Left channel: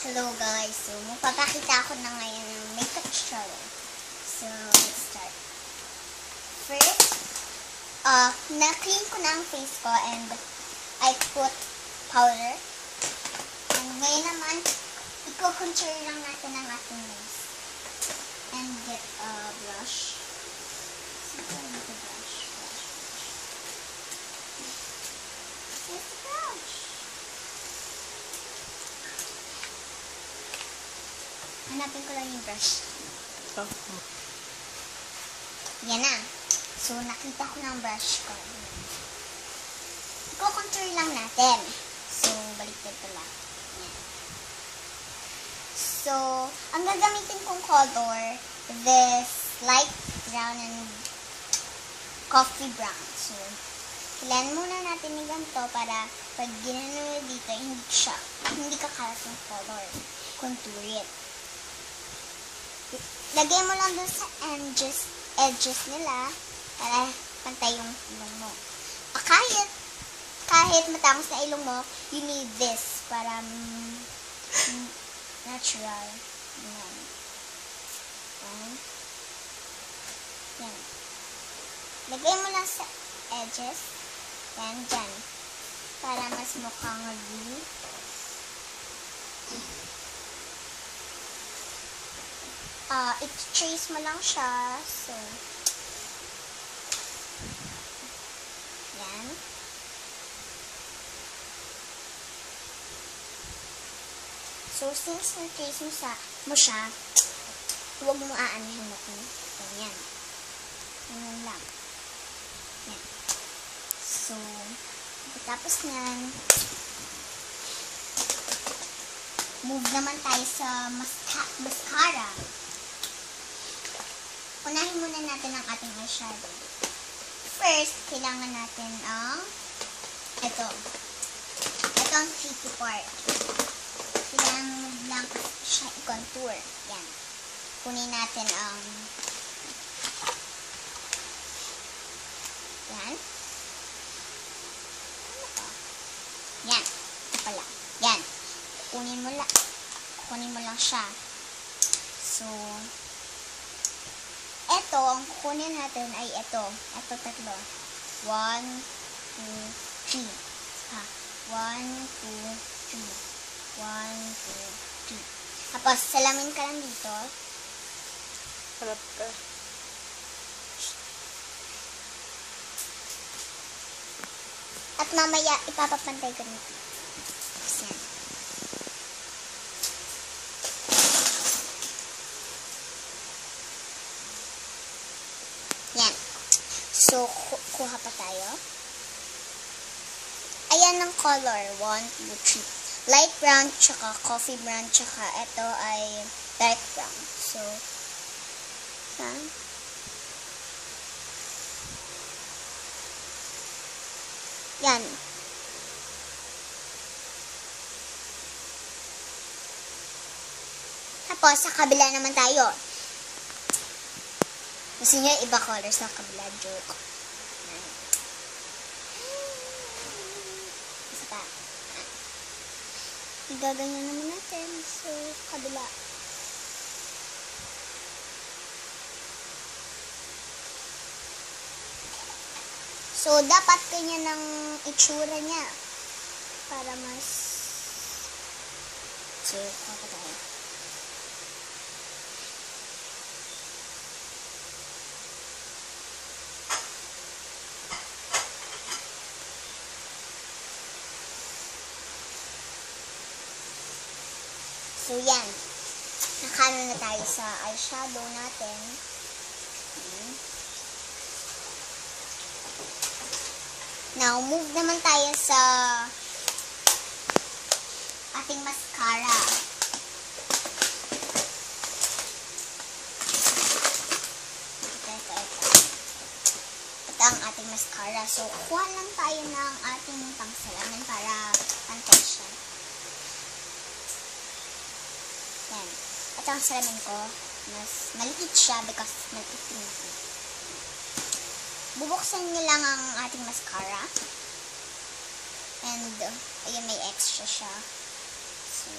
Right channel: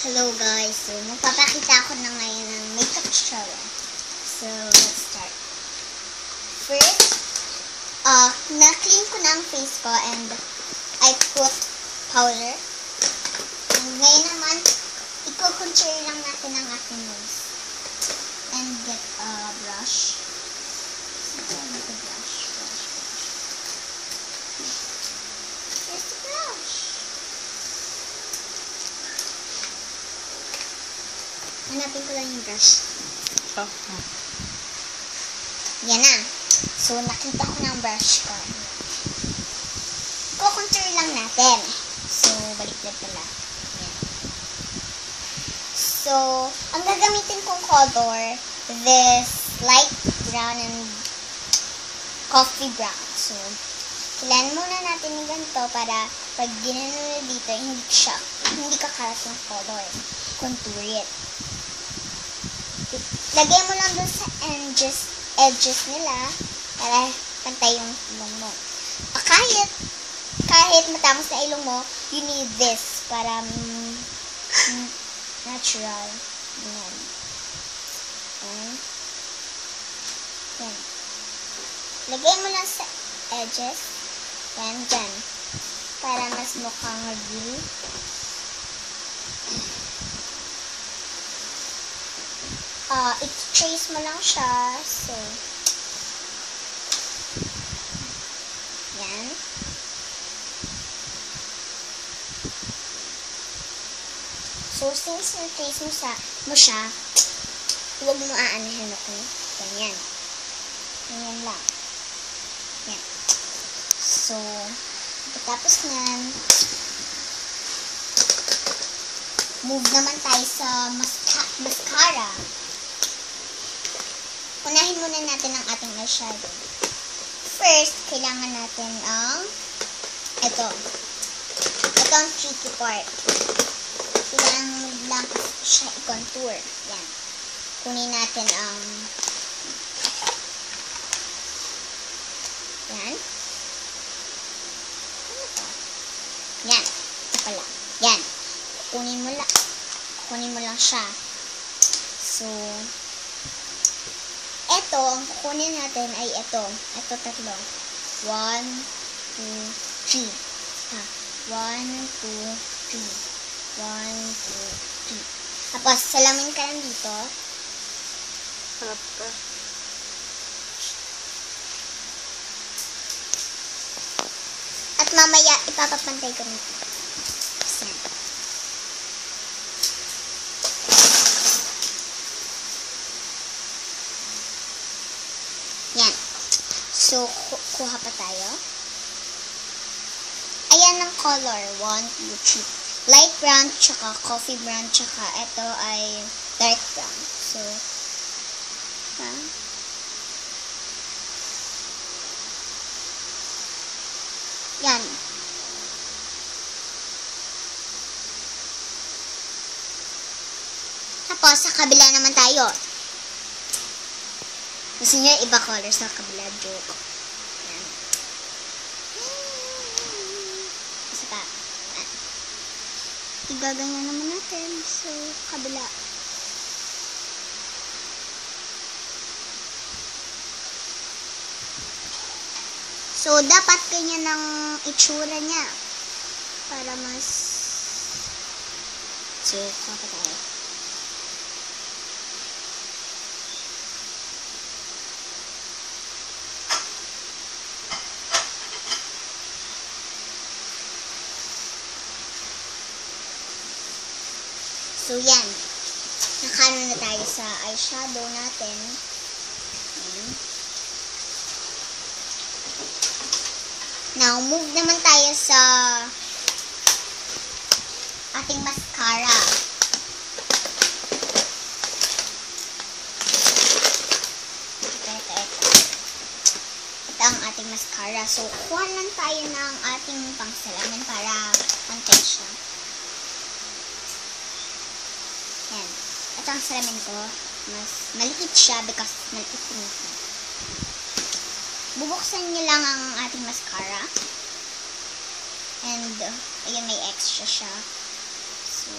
Hello guys, so magpapakita ako na ngayon ng makeup tutorial. So, let's start. First, na-clean ko na ang face ko and I put powder. And ngayon naman, i-contour lang natin ang ating nose. And get a brush. Here's the brush. Hanapin ko lang yung brush. Yan na. So, nakita ko na ang brush ko. Contour lang natin. So, balik na pala. Yan. So, ang gagamitin kong color, this light brown and coffee brown. So, ilan muna natin yung ganito para pag ginano dito, hindi kakalas yung color. Contour it. Lagay mo lang dun sa edges nila para pantay yung ilong mo. Kahit matapos na ilong mo, you need this para natural. Yan. Lagay mo lang sa edges. Yan, dyan. Para mas mukhang real. I-trace mo lang siya. So, yan. So, since na-trace mo siya, huwag mo aanihin ako. Ganyan. Ganyan lang. Yan. So, tapos nyan, move naman tayo sa mascara. Unahin muna natin ang ating eyeshadow. First, kailangan natin ang ito ang tricky part. Kailangan lang siya i-contour. Yan. Kunin natin ang yan. Yan. Ito pala. Yan. Kunin mo lang siya. So, ito, ang kukunin natin ay ito. Ito tatlo. 1, 2, 3. 1, 2, 3. 1, 2, 3. Tapos, salamin ka lang dito. Sarap ka. At mamaya, ipapapantay ko nito. Yan. So, kuha pa tayo. Ayan ang color. 1, 2, 3. Light brown, tsaka coffee brown, tsaka ito ay dark brown. So, yan. Tapos, sa kabila naman tayo. Gusto niyo iba color sa kabila, joke. Yan. Basta, ibaganyan naman natin sa kabila. So, dapat ganyan ang itsura niya. Para mas So, yan. Nakaroon na tayo sa eyeshadow natin. Now, move naman tayo sa ating mascara. Ito ang ating mascara. So, kuha lang tayo ng ating pangsalamin para pantay siya. Yan. Ito ang salamin ko. Mas malikit siya because malikit ko na. Bubuksan niyo lang ang ating mascara. And, ayan, may extra siya. So,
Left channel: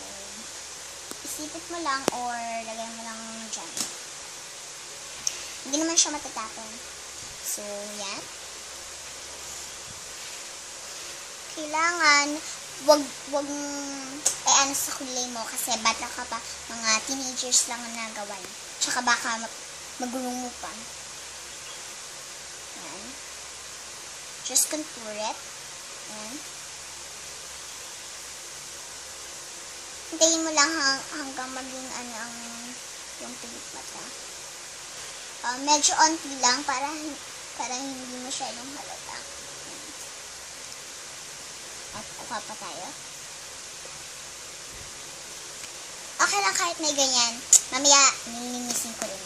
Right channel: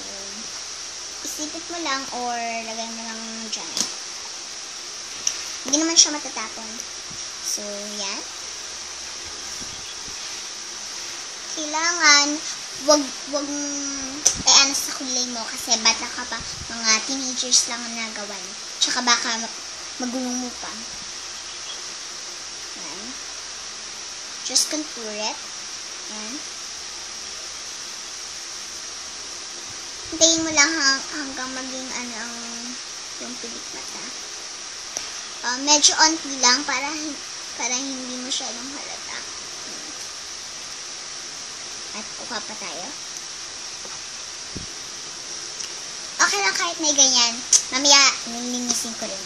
isipit mo lang or lagay mo lang dyan. Hindi naman siya matatapon. So, yan. Kailangan, wag sa kulay mo kasi bata ka pa, mga teenagers lang ang nagawan. Tsaka baka magulo mo pa. Yan. Just contour it. Yan. Hintayin mo lang hanggang maging yung pilik mata. Medyo onti lang para hindi masyadong halata. At kuha pa tayo. Okay lang kahit may ganyan. Mamaya, nilinisin ko rin.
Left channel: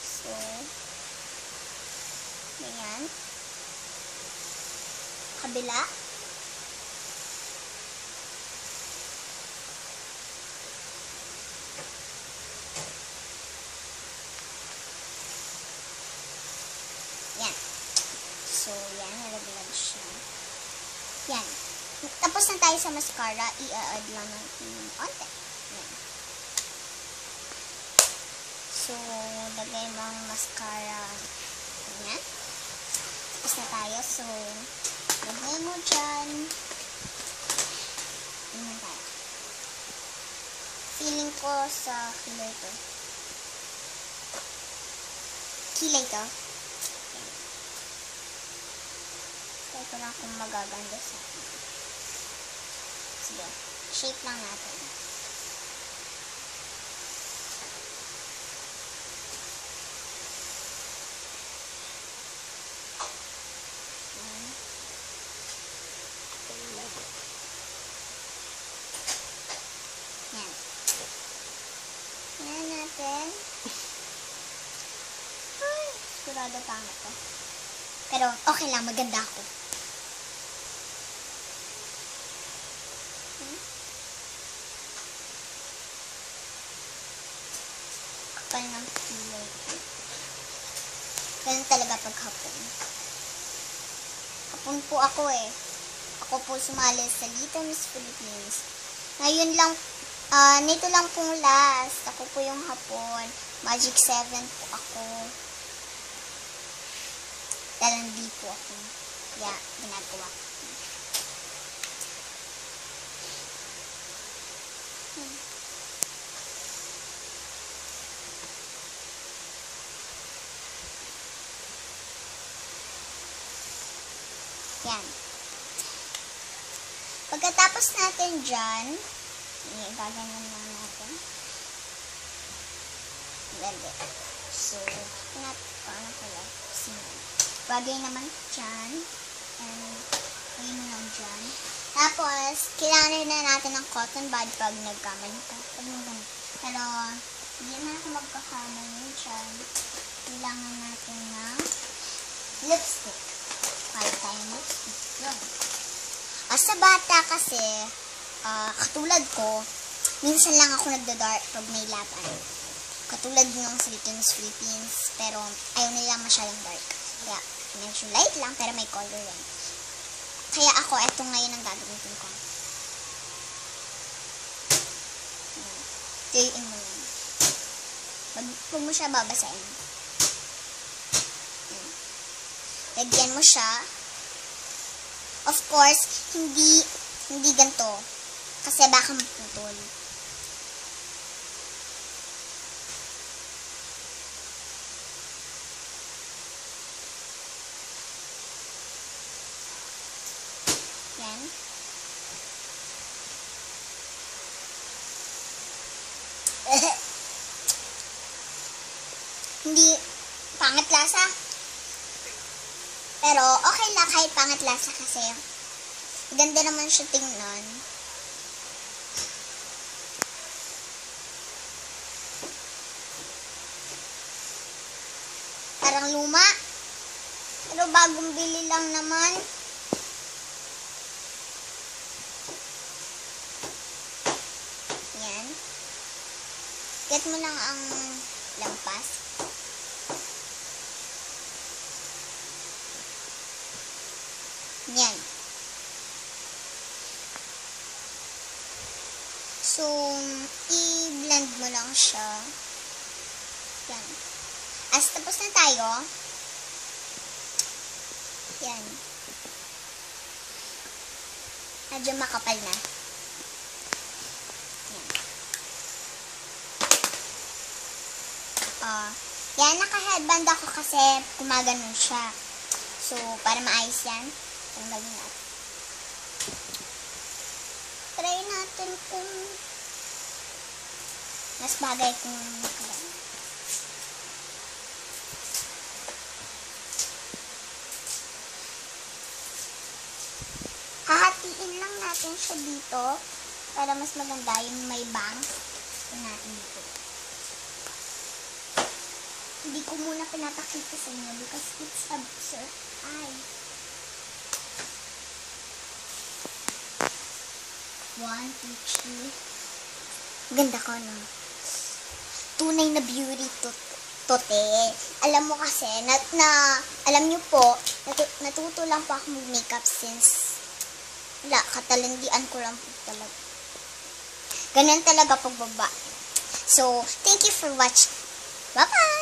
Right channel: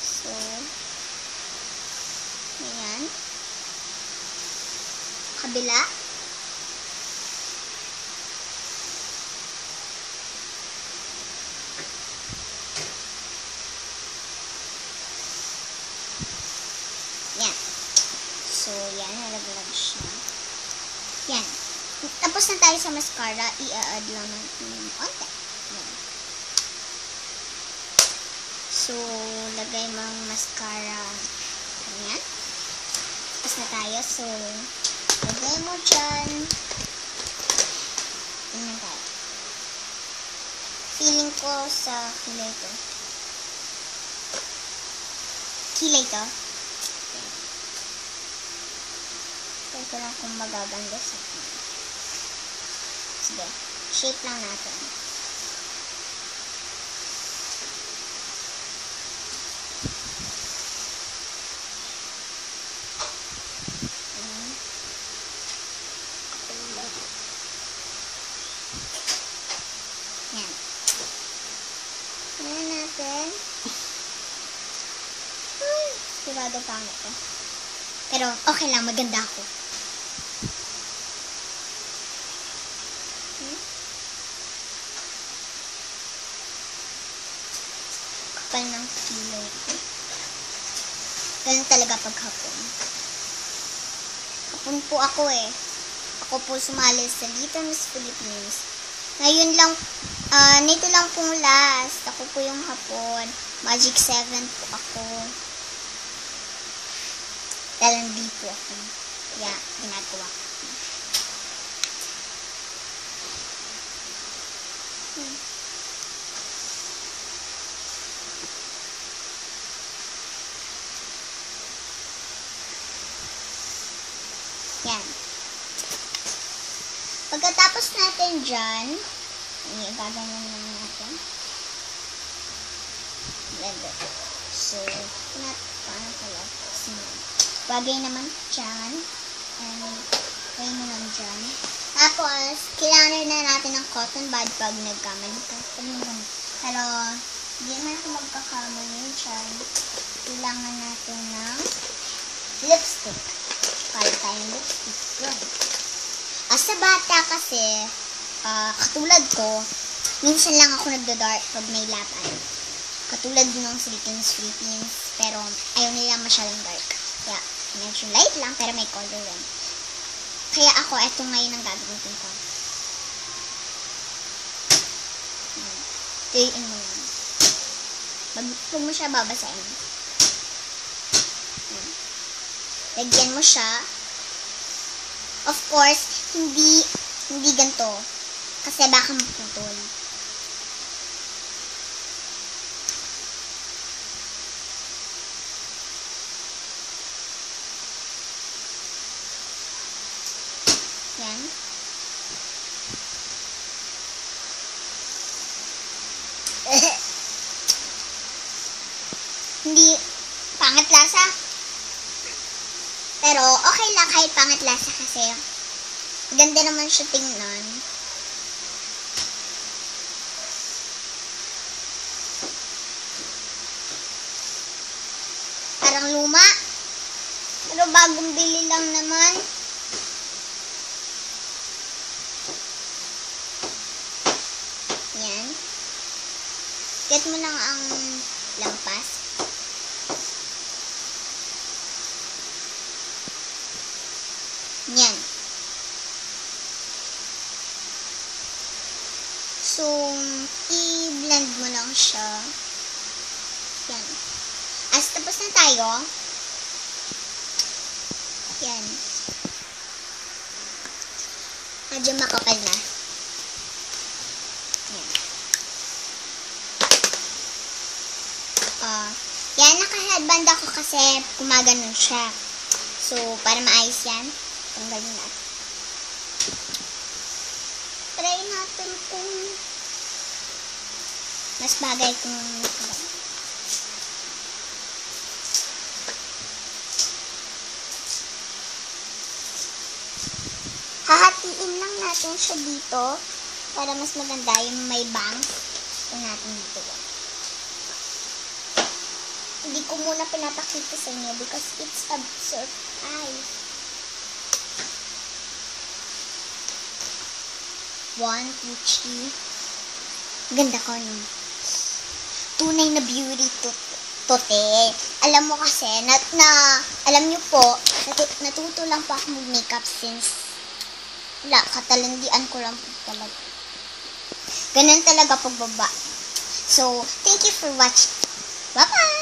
So, ayan. Kabila. Yan. So, yan. Nalagay ko siya. Yan. Tapos na tayo sa mascara, i-add lang ng konti. So, lagay mo ang mascara. Ayan. Tapos na tayo. So, lagay mo dyan. Ayan tayo. Feeling ko sa kilay to. Kilay to. Wala akong magaganda sa sige, shape lang natin. Yan. Yan natin. Sigurado pa ako. Pero okay lang, maganda ako. Kapal ng kilay. Ganun talaga paghapon. Hapon po ako eh. Ako po sumali sa Little Miss Philippines. Ngayon lang, nito lang pong last. Ako po yung hapon. Magic 7 po ako. Dahil hindi po ako. Kaya, ginagawa ko. Yan. Pagkatapos natin dyan, gaganyan na natin. Level. So, bagay naman dyan. Bagay naman dyan. Tapos, kailangan na natin ng cotton bud pag nagkamali. Pero, hindi naman ito magkakamali dyan. Kailangan natin ng lipstick. Para tayong lipstick. Yun. Sa bata kasi, katulad ko, minsan lang ako nagda-dark pag may lapat. Katulad nung sa Little Miss Philippines, pero ayaw nila masyadong dark. Kaya, medyo light lang, pero may color rin. Kaya ako, eto ngayon ang gagawin ko. Huwag mo siya babasahin. Lagyan mo siya. Of course, hindi ganito. Kasi baka maputol. Yan. Hindi pangit lasa. Pero okay lang kahit pangit lasa kasi ganda naman siya tingnan. Parang luma. Pero bagong bili lang naman. Yan. Get mo na ang lampas. Yan. So, i-blend mo lang siya. Yan. As tapos na tayo. Yan. Medyo makapal na. Yan, naka-headband ako kasi gumaganon siya. So, para maayos yan, tanggalin na. Try natin kung mas bagay kung hahatiin lang natin siya dito para mas maganda yung may bangs natin dito. Hindi ko muna pinapakita sa inyo because it's a surprise. 1, 2, 3. Ganda ko no. Tunay na beauty tote. Alam mo kasi, alam niyo po, natuto lang po akong makeup since katalandian ko lang po talaga. Ganun talaga pagbaba. So, thank you for watching. Bye-bye!